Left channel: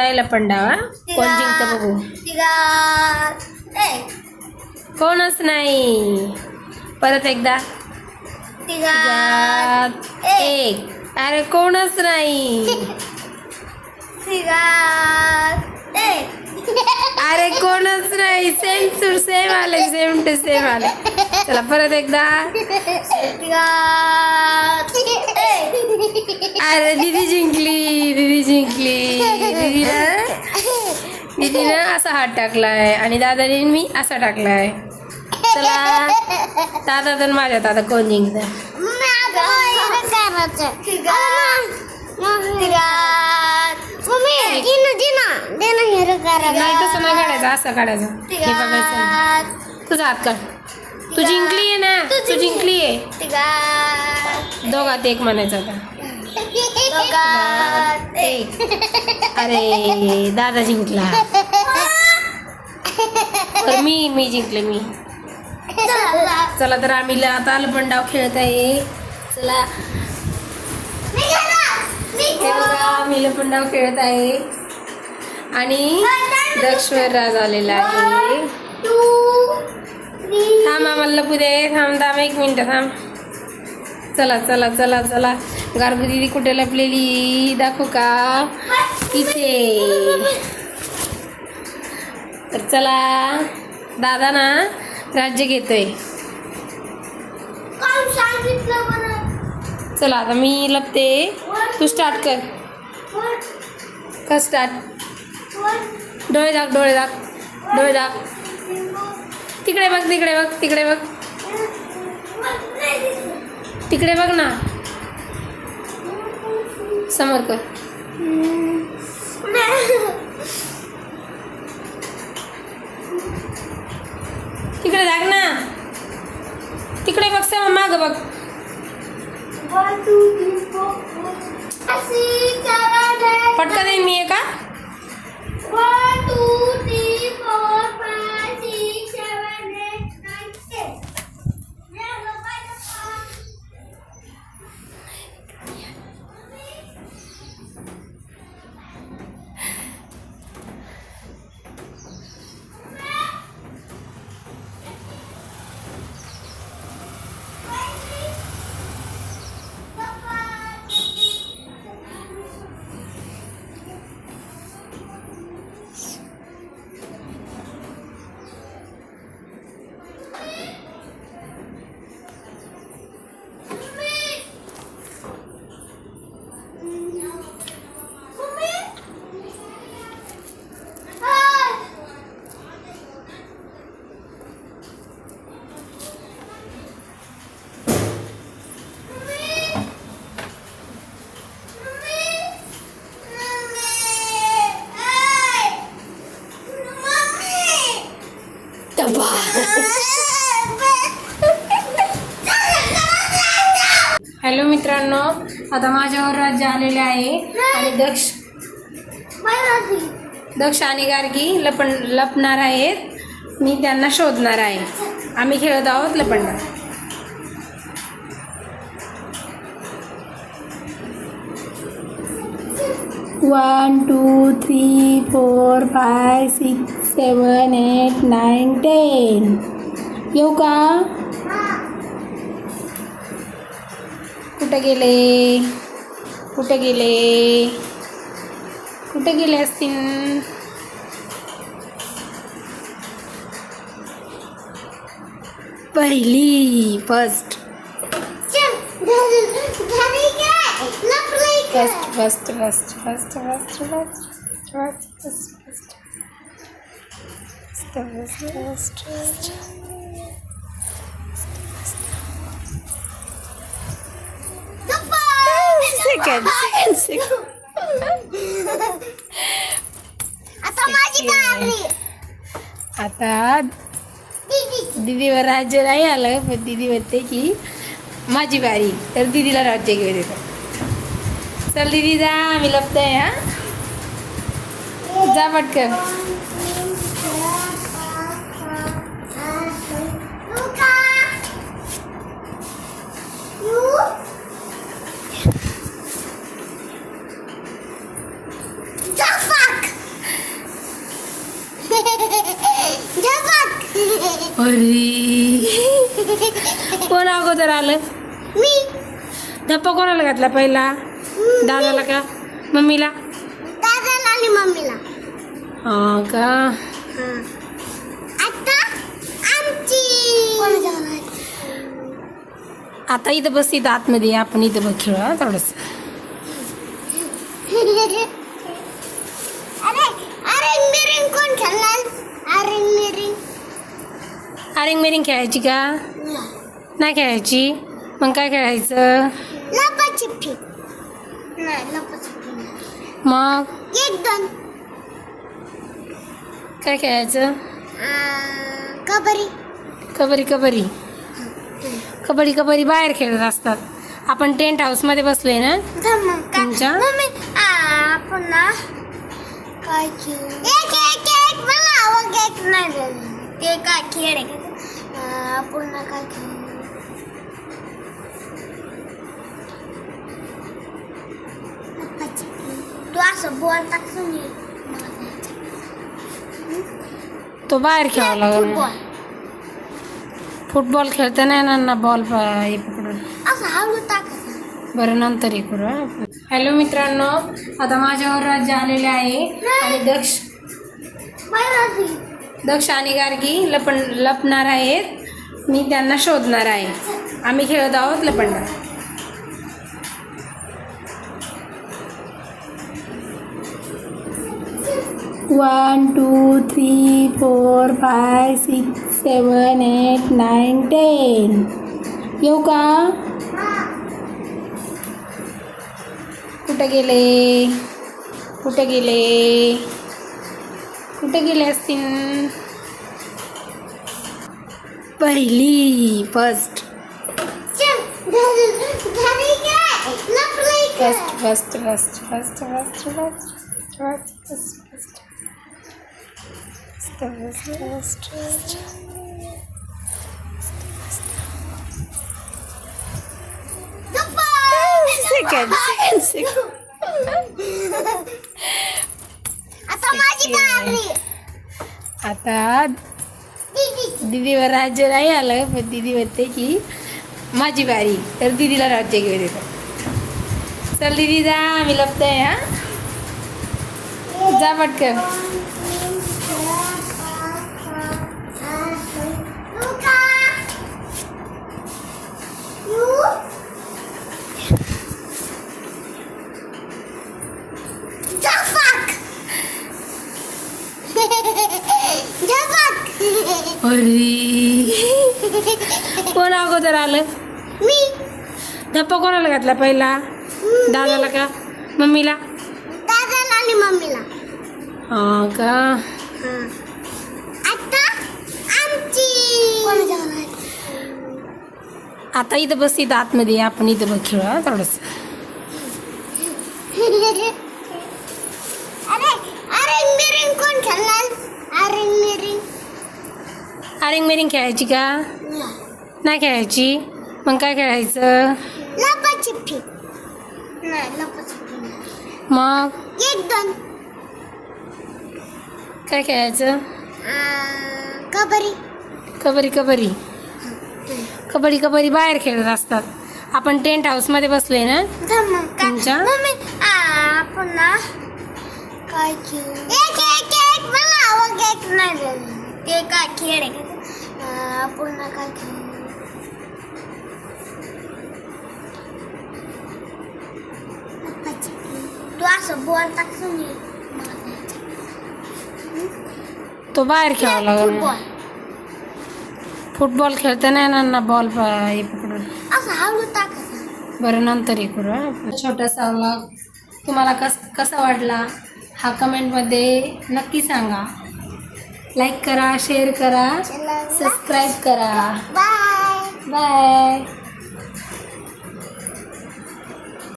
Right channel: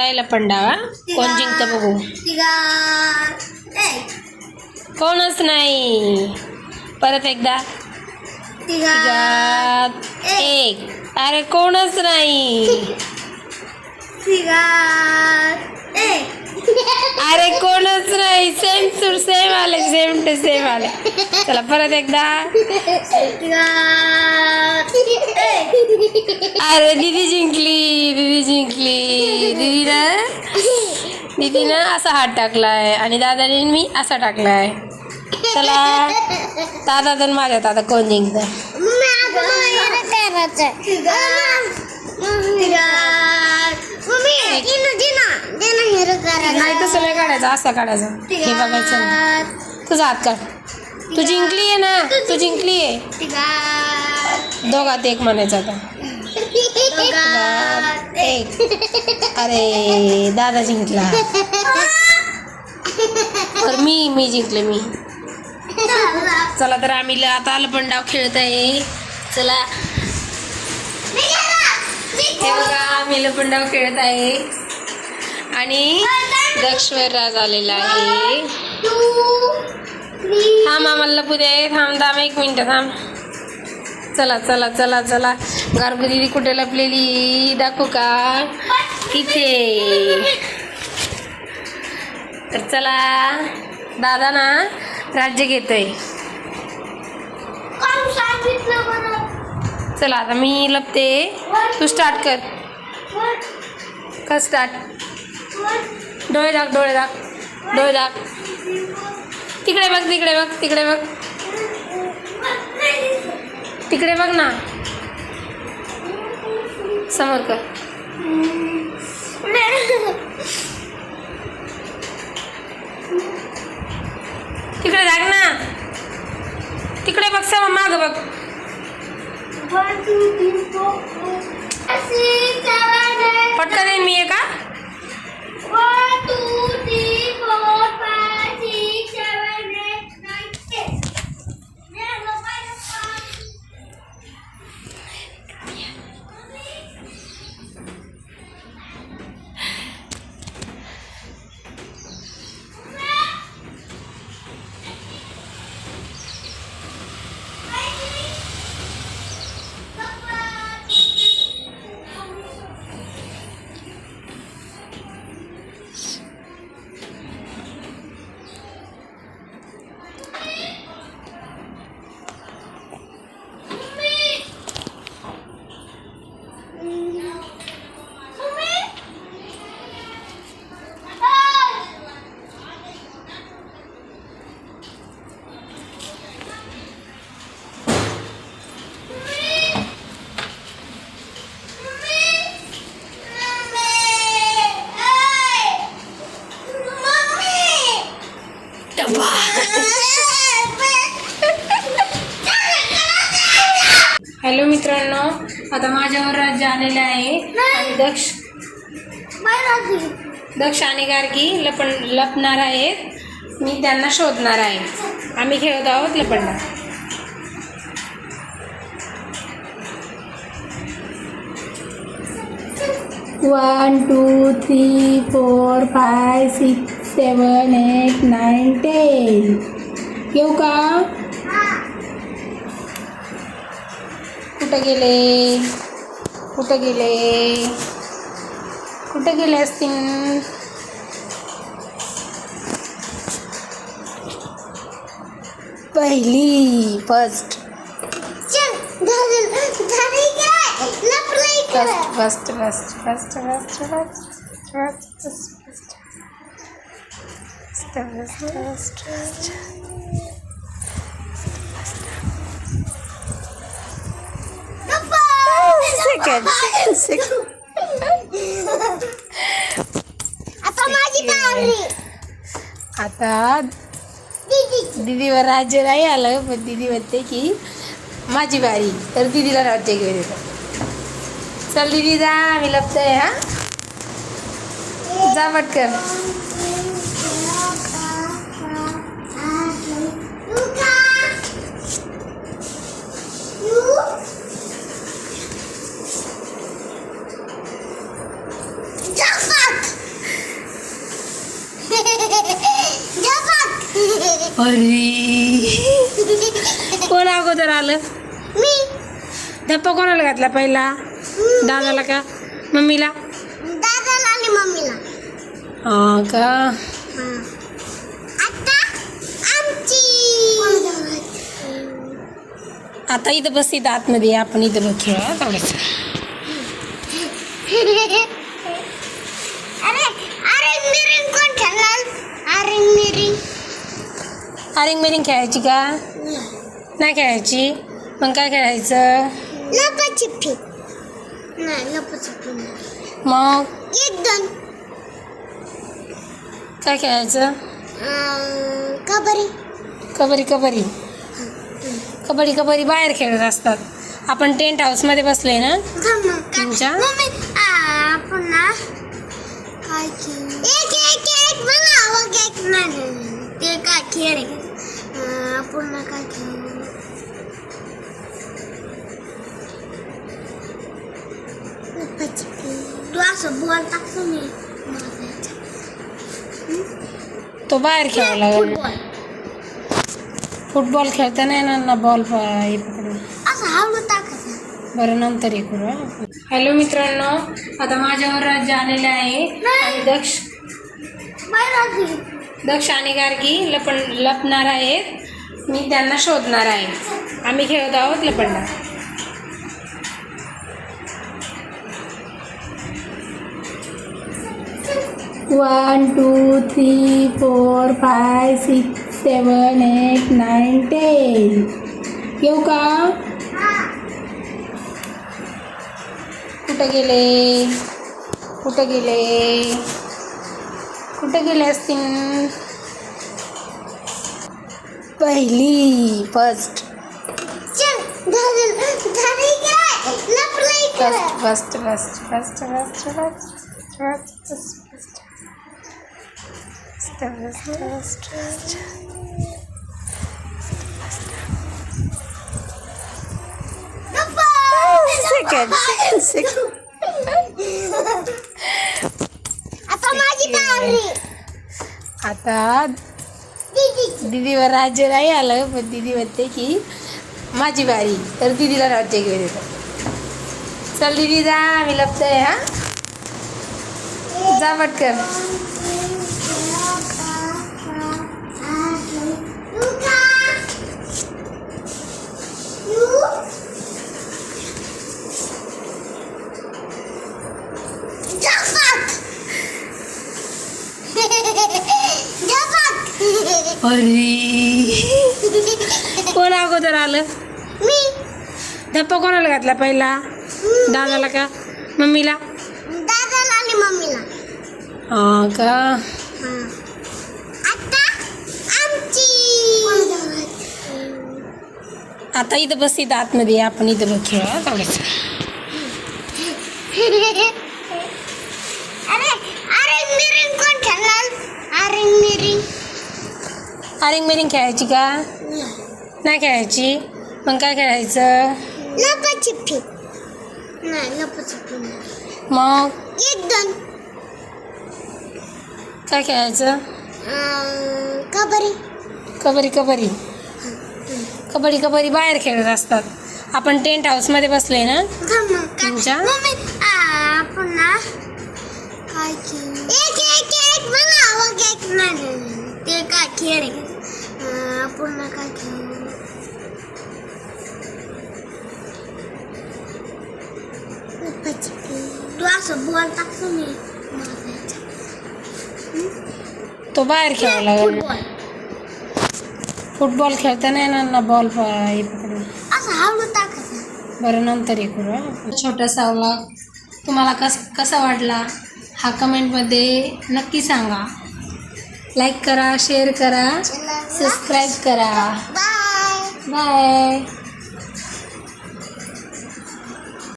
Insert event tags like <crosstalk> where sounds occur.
जायला पण डावा. कोण जिंकतं बघू? कोणच नाही. परत एकदा. तिघात एक. अरे कोणच नाही. अरे कोणच नाही. सेम सूर सेम आले सेम टू सेम आले. चला परत एकदा. अरे दीदी जिंकली दीदी जिंकली. दीदीनं दीदीनं असा हात टाकलाय आणि दादाने मी असा टाकलाय. चला दादा तर माझ्या दादा कोण जिंकत? नाही तसं नाही काढायचं असा काढायचा. हे बघायचं तुझा हात काढ. तू जिंकली आहे ना तू जिंकली आहे. दोघात एक म्हणायचं आता. एक. अरे दादा जिंकला. तर मी मी जिंकले मी. चला तर आम्ही आता आता पण डाव खेळत आहे चला आम्ही लपण डाव खेळत आहे आणि दक्षवर राज आलेला आहे. थांब आम्हाला लपू दे थांब थांब एक मिनटं थांब. चला चला चला चला. गारगू दिदी कुठे लपलेली? दाखवू का? इथे. तर चला. दादा ना राज्य घेतोय. चला आता मी लपते. तू स्टार्ट कर. का स्टार्ट डोळे दाख डोळे दाख डोळे दाख तिकडे बघ तिकडे बघ तिकडे बघ. तिकडे बघ ना. समोर कर. तिकडे दाख ना. तिकडे बघ समोर माग बघ. पटकन मी आहे हॅलो मित्रांनो आता माझ्यावर राज्य आलेले आहे आणि दक्ष दक्ष आणि गार्गी लपण लपणार आहेत. मी त्यांना शोधणार आहे. आम्ही खेळत आहोत लपंडा. One two three four five six seven eight nine ten येऊ का? कुठं गेले? कुठं गेले? कुठं गेले असतील? पहिली first first first first first first first first first second second second आता माझी दीदीवर राज्य नाही आलं पण दीदी म्हणते की माझी बारी. तर दीदीला राज्य घेऊन येतं. चल दीदी जा आम्ही लपतोय हा? जा पटकन Fuck! अरे कोण अगोदर आलं मी धप्पा कोणाला घातला पहिला? दादाला का? मम्मीला? दादाला आणि मम्मीला. हा का? आता आमची. आता इथं बस इथं आतमध्ये. आपण इथं बघ खेळ हा थोडंसं अरे अरे मिरिंग कोण खेळणार? अरे मिरिंग. आरिंग मेरिंग खेळायची का? नाही खेळायची? मग काय खेळायचं? लपाछपी नाही लपाछपी मग? एक दोन काय खेळायचं? कबड्डी. कबड्डी कबड्डी. कबड्डी कबड्डी बाहेर खेळत असतात. आपण टेंट हाऊसमध्ये बसलोय ना? तुमच्या? ते काय खेळ पुन्हा काय खेळ बॉल तो बाहेर खेळावा लागेल. फुटबॉल खेळता नाही ना बॉल हे पकडून. असं हळू टाकायचं बरं नंतर हे करू. हॅलो मित्रांनो आता माझ्यावर राज्य आलेले आहे. आणि दक्ष. दक्ष आणि गार्गी लपण लपणार आहेत. मी त्यांना शोधणार आहे. आम्ही खेळत आहोत लपंडा one two three four five six seven eight nine ten येऊ का? कुठं गेले? कुठं गेले? कुठं गेले असतील? पहिली फ़र्स्ट काय? काय? First first first first first first first second आता दिदीवर राज्य नाही आलं पण दीदी म्हणते की माझी बारी तर दिदीला राज्य घेऊन येतं चल दीदी जा आम्ही लपतोय हा? जा पटकन. <laughs> अरे. कोण अगोदर आलं? मी. धप्पा कोणाला घातला पहिला? दादाला का? मम्मीला? दादाला आणि मम्मीला. हा का आता आमची आता इथं बस इथं आतमध्ये. आपण इथं बघ खेळ हा थोडंसं अरे अरे मिरिंग खेळायची का? नाही खेळायची. मग काय खेळायचं? लपाछपी. नाही लपाछपी नाही. मग? एक दोन. काय खेळायचं? कबड्डी. कबरी कबरी. कबड्डी कबड्डी बाहेर खेळत असतात. आपण टेंट हाऊसमध्ये बसलोय ना? तुमच्या? मम्मी आ, काय एक एक एक मला एक नाही ते काय खेळ? अं, काय खेळ तू असं बॉल टाकतो मी तो बाहेर लागेल. फुटबॉल फुटबॉल खेळता नाही ना ना बॉल हे पकडून. असं हळू टाकायचं बरं नंतर हे करू. छोटासा व्लॉग तुम्हाला कस कसा वाटला? हा कमेंटमध्ये नक्की सांगा. लाईक करा शेअर करा. सबस्क्राईब करा. Bye bye